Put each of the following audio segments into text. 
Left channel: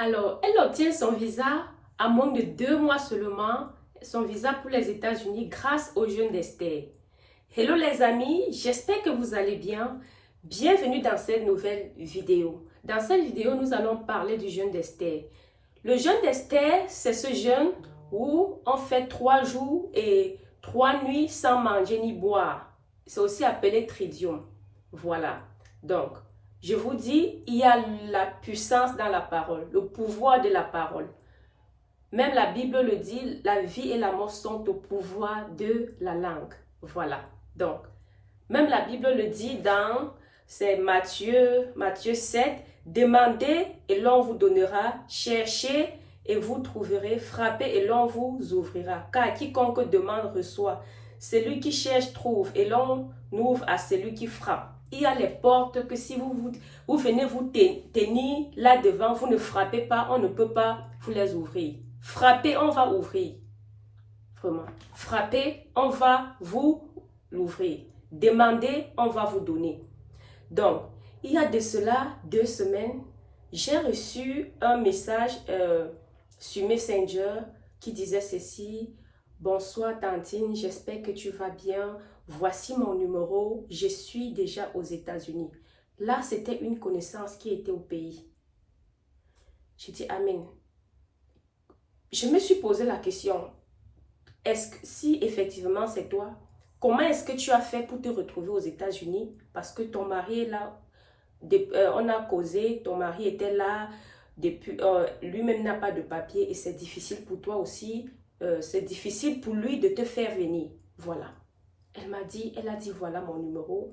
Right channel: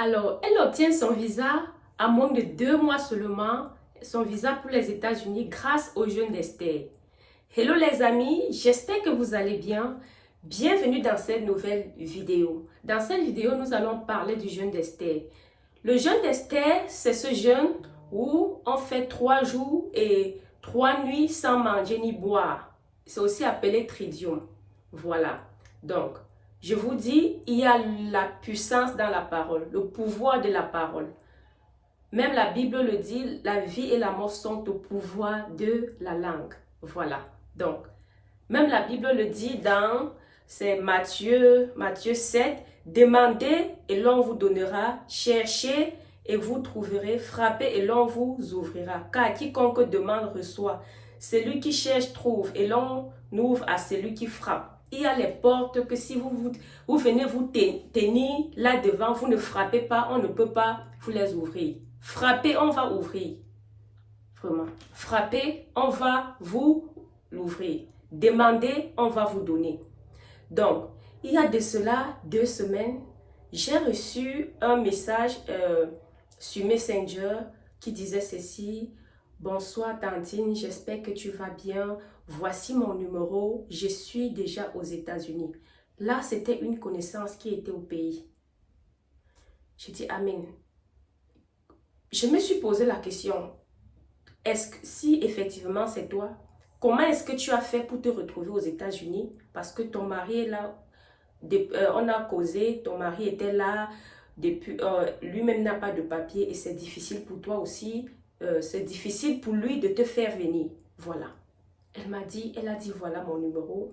Alors, elle obtient son visa à moins de 2 mois seulement, son visa pour les États-Unis grâce au jeûne d'Esther. Hello les amis, j'espère que vous allez bien. Bienvenue dans cette nouvelle vidéo. Dans cette vidéo, nous allons parler du jeûne d'Esther. Le jeûne d'Esther, c'est ce jeûne où on fait 3 jours et 3 nuits sans manger ni boire. C'est aussi appelé tridium. Voilà. Donc, je vous dis, il y a la puissance dans la parole, le pouvoir de la parole. Même la Bible le dit, la vie et la mort sont au pouvoir de la langue. Voilà. Donc, même la Bible le dit dans c'est Matthieu 7, demandez et l'on vous donnera, cherchez et vous trouverez, frappez et l'on vous ouvrira. Car quiconque demande reçoit, celui qui cherche trouve et l'on ouvre à celui qui frappe. Il y a les portes que si vous venez vous tenir là devant, vous ne frappez pas, on ne peut pas vous les ouvrir. Frappez, on va ouvrir. Vraiment. Frappez, on va vous l'ouvrir. Demandez, on va vous donner. Donc, il y a de cela 2 semaines, j'ai reçu un message sur Messenger qui disait ceci. Bonsoir Tantine, j'espère que tu vas bien. Voici mon numéro, je suis déjà aux États-Unis. Là, c'était une connaissance qui était au pays. J'ai dit Amen. Je me suis posé la question, est-ce que si effectivement c'est toi, comment est-ce que tu as fait pour te retrouver aux États-Unis? Parce que ton mari est là, on a causé, ton mari était là, lui-même n'a pas de papier et c'est difficile pour toi aussi, c'est difficile pour lui de te faire venir. Voilà. Elle a dit voilà mon numéro.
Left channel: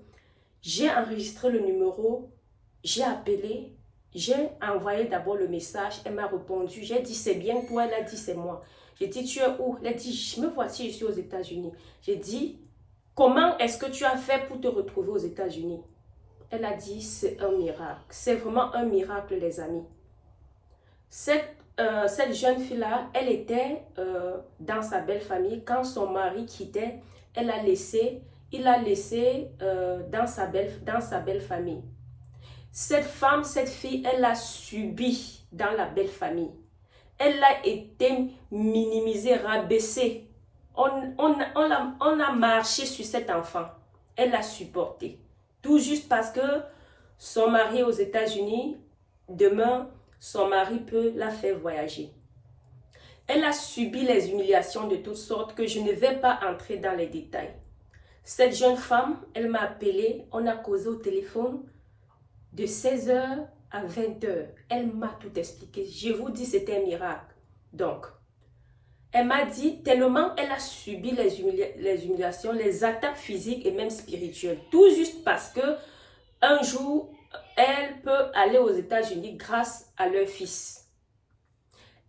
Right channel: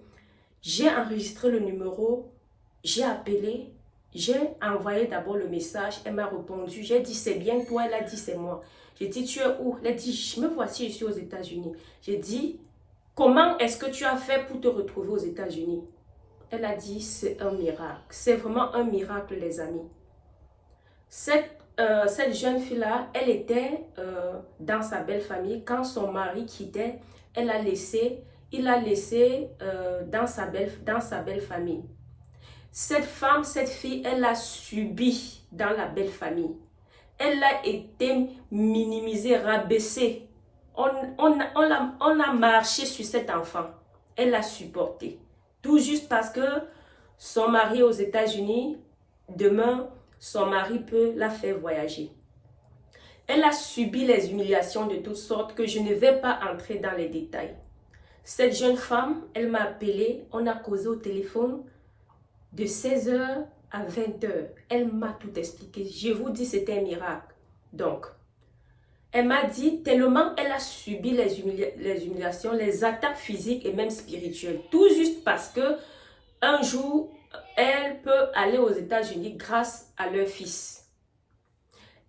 J'ai enregistré le numéro, j'ai appelé, j'ai envoyé d'abord le message, elle m'a répondu, j'ai dit c'est bien toi, elle a dit c'est moi. J'ai dit tu es où? Elle a dit me voici, je suis aux États-Unis. J'ai dit comment est-ce que tu as fait pour te retrouver aux États-Unis? Elle a dit c'est un miracle, c'est vraiment un miracle les amis. Cette jeune fille-là, elle était dans sa belle famille. Quand son mari quittait, il l'a laissé dans sa belle famille. Cette fille, elle a subi dans la belle famille. Elle a été minimisée, rabaissée. On a marché sur cet enfant. Elle l'a supporté. Tout juste parce que son mari est aux États-Unis, demain, son mari peut la faire voyager. Elle a subi les humiliations de toutes sortes que je ne vais pas entrer dans les détails. Cette jeune femme, elle m'a appelé, on a causé au téléphone de 16h à 20h. Elle m'a tout expliqué. Je vous dis, c'était un miracle. Donc, elle m'a dit tellement elle a subi les humiliations, les attaques physiques et même spirituelles. Tout juste parce que un jour, elle peut aller aux États-Unis grâce à leur fils.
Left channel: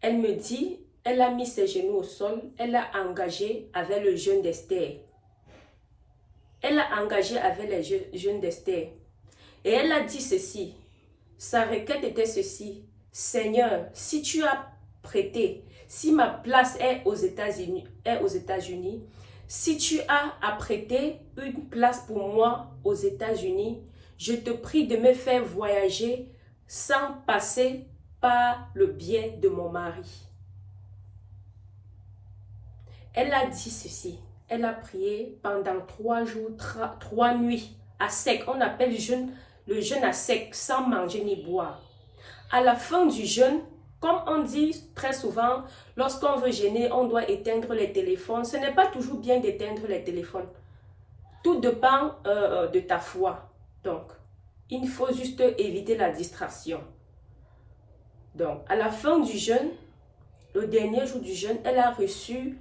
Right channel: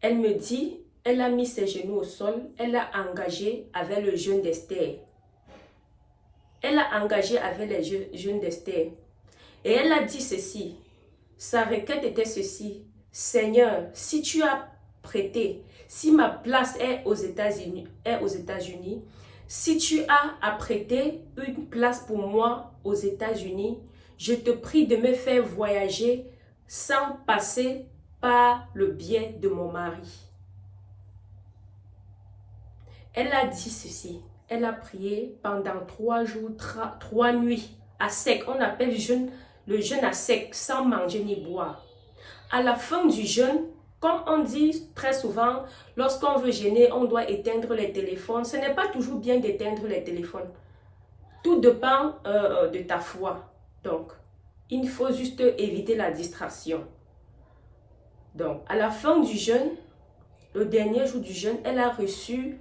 Elle me dit, elle a mis ses genoux au sol, elle a engagé avec le jeûne d'Esther. Elle a engagé avec les jeûnes d'Esther. Et elle a dit ceci, sa requête était ceci, Seigneur, si tu as prêté, si ma place est aux États-Unis, si tu as apprêté une place pour moi aux États-Unis, je te prie de me faire voyager sans passer par le biais de mon mari. Elle a dit ceci, elle a prié pendant 3 jours, 3 nuits à sec. On appelle le jeûne à sec, sans manger ni boire. À la fin du jeûne, comme on dit très souvent, lorsqu'on veut jeûner, on doit éteindre les téléphones. Ce n'est pas toujours bien d'éteindre les téléphones. Tout dépend de ta foi. Donc, il faut juste éviter la distraction. Donc, à la fin du jeûne, le dernier jour du jeûne, elle a reçu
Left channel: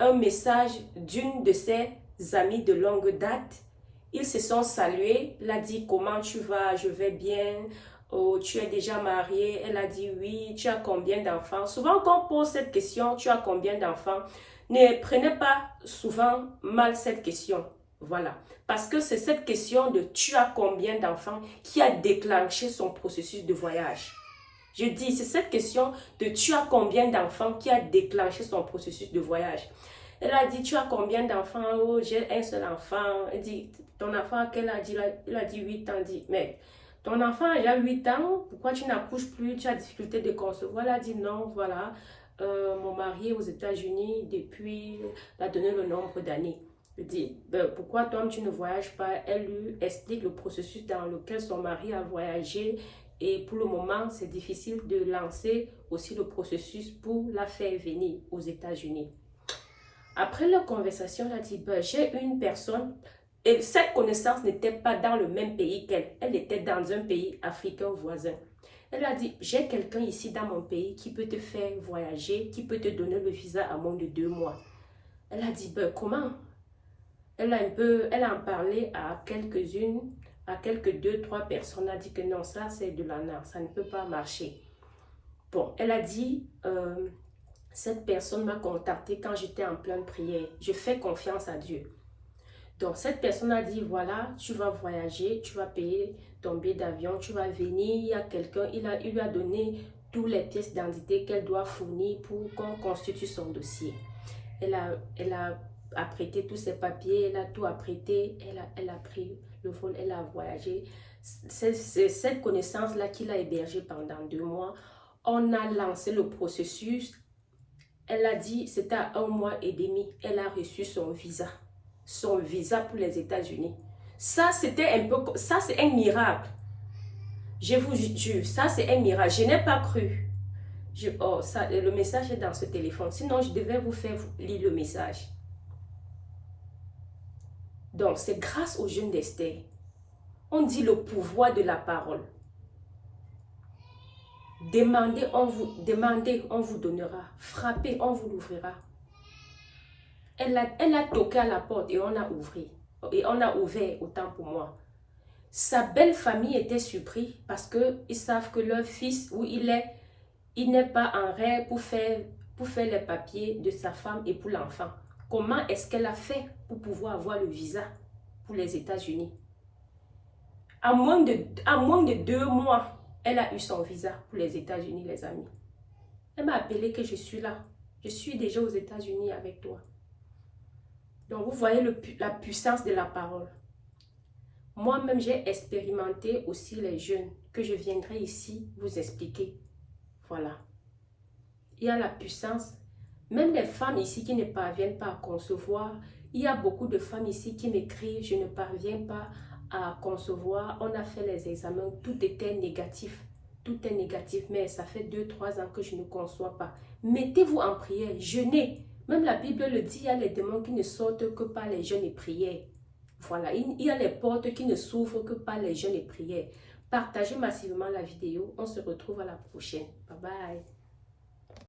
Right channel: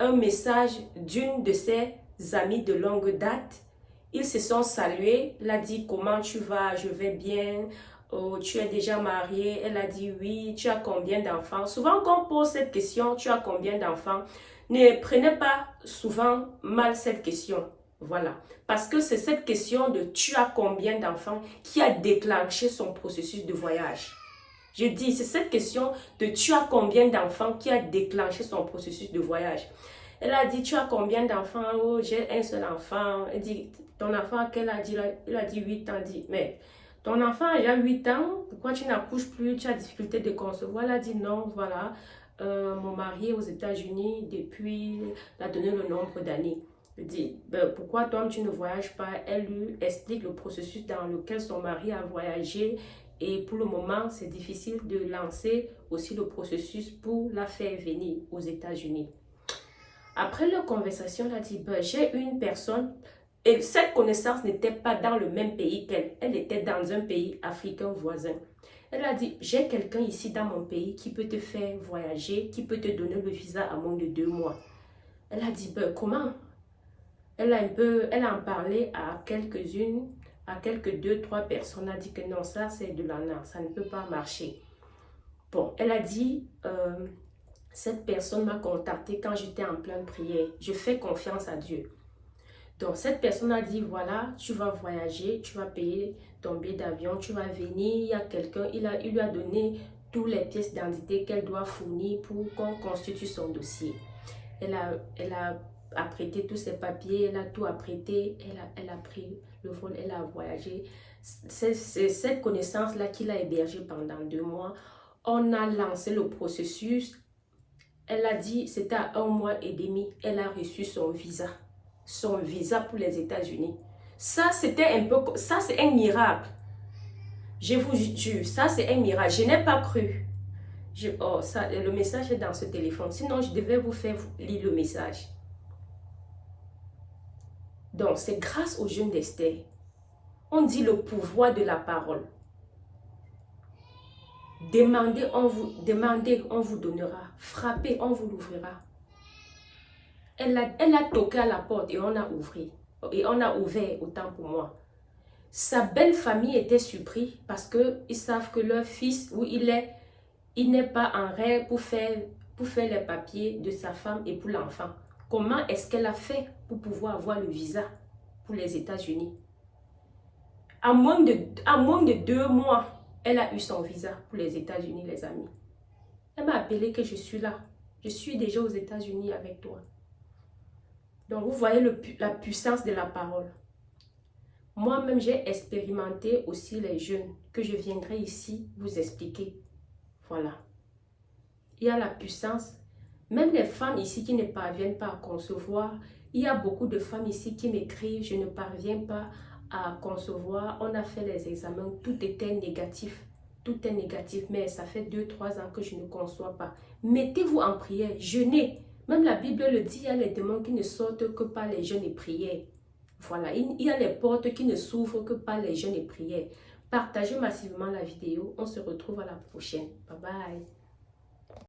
un message d'une de ses amies de longue date. Ils se sont salués. Elle a dit comment tu vas? Je vais bien. Oh, tu es déjà mariée? Elle a dit oui. Tu as combien d'enfants? Souvent quand on pose cette question, tu as combien d'enfants? Ne prenez pas souvent mal cette question. Voilà. Parce que c'est cette question de tu as combien d'enfants qui a déclenché son processus de voyage. Je dis, c'est cette question de tu as combien d'enfants qui a déclenché son processus de voyage. Elle a dit, tu as combien d'enfants? Oh, j'ai un seul enfant. Elle dit, ton enfant, quel âge? Il a dit 8 ans. Elle dit, mais ton enfant a déjà 8 ans, pourquoi tu n'accouches plus, tu as difficulté de concevoir? Elle a dit non, voilà, mon mari est aux États-Unis depuis, elle a donné le nombre d'années. Je dis, ben, pourquoi toi tu ne voyages pas? Elle lui explique le processus dans lequel son mari a voyagé et pour le moment, c'est difficile de lancer aussi le processus pour la faire venir aux États-Unis. Après leur conversation, elle a dit, ben, j'ai une personne, et cette connaissance n'était pas dans le même pays qu'elle, elle était dans un pays africain voisin. Elle a dit, j'ai quelqu'un ici dans mon pays qui peut te faire voyager, qui peut te donner le visa à moins de 2 mois. Elle a dit, ben, comment? Elle a en parlé à quelques-unes, à quelques 2, 3 personnes. Elle a dit que non, ça c'est de l'ANA, ça ne peut pas marcher. Bon, elle a dit, cette personne m'a contacté quand j'étais en pleine prière. Je fais confiance à Dieu. Donc, cette personne a dit, voilà, tu vas voyager, tu vas payer ton billet d'avion, tu vas venir, il y a quelqu'un, il lui a donné toutes les pièces d'identité qu'elle doit fournir pour qu'on constitue son dossier. Elle a apprêté tous ses papiers, elle a tout apprêté, elle a pris le vol, elle a voyagé. C'est cette connaissance-là qu'il a hébergée pendant 2 mois. On a lancé le processus. Elle a dit, c'était à 1 mois et demi, elle a reçu son visa. Son visa pour les États-Unis. Ça, c'était un peu, ça c'est un miracle. Je vous jure, ça c'est un miracle. Je n'ai pas cru. Oh, ça, le message est dans ce téléphone. Sinon, je devais vous faire lire le message. Donc, c'est grâce au jeûne d'Esther. On dit le pouvoir de la parole. Demandez, on vous donnera. Frappez, on vous l'ouvrira. Elle a toqué à la porte et on a ouvert. Et on a ouvert autant pour moi. Sa belle famille était surprise parce qu'ils savent que leur fils, où il n'est pas en règle pour faire les papiers de sa femme et pour l'enfant. Comment est-ce qu'elle a fait pour pouvoir avoir le visa pour les États-Unis? À moins de 2 mois, elle a eu son visa pour les États-Unis, les amis. Elle m'a appelé que je suis là. Je suis déjà aux États-Unis avec toi. Donc, vous voyez la puissance de la parole. Moi-même, j'ai expérimenté aussi les jeûnes que je viendrai ici vous expliquer. Voilà. Il y a la puissance. Même les femmes ici qui ne parviennent pas à concevoir, il y a beaucoup de femmes ici qui m'écrivent, je ne parviens pas à concevoir. On a fait les examens, tout était négatif. Tout est négatif, mais ça fait 2, 3 ans que je ne conçois pas. Mettez-vous en prière, jeûnez. Même la Bible le dit, il y a les démons qui ne sortent que par les jeûnes et prières. Voilà, il y a les portes qui ne s'ouvrent que par les jeûnes et prières. Partagez massivement la vidéo. On se retrouve à la prochaine. Bye bye.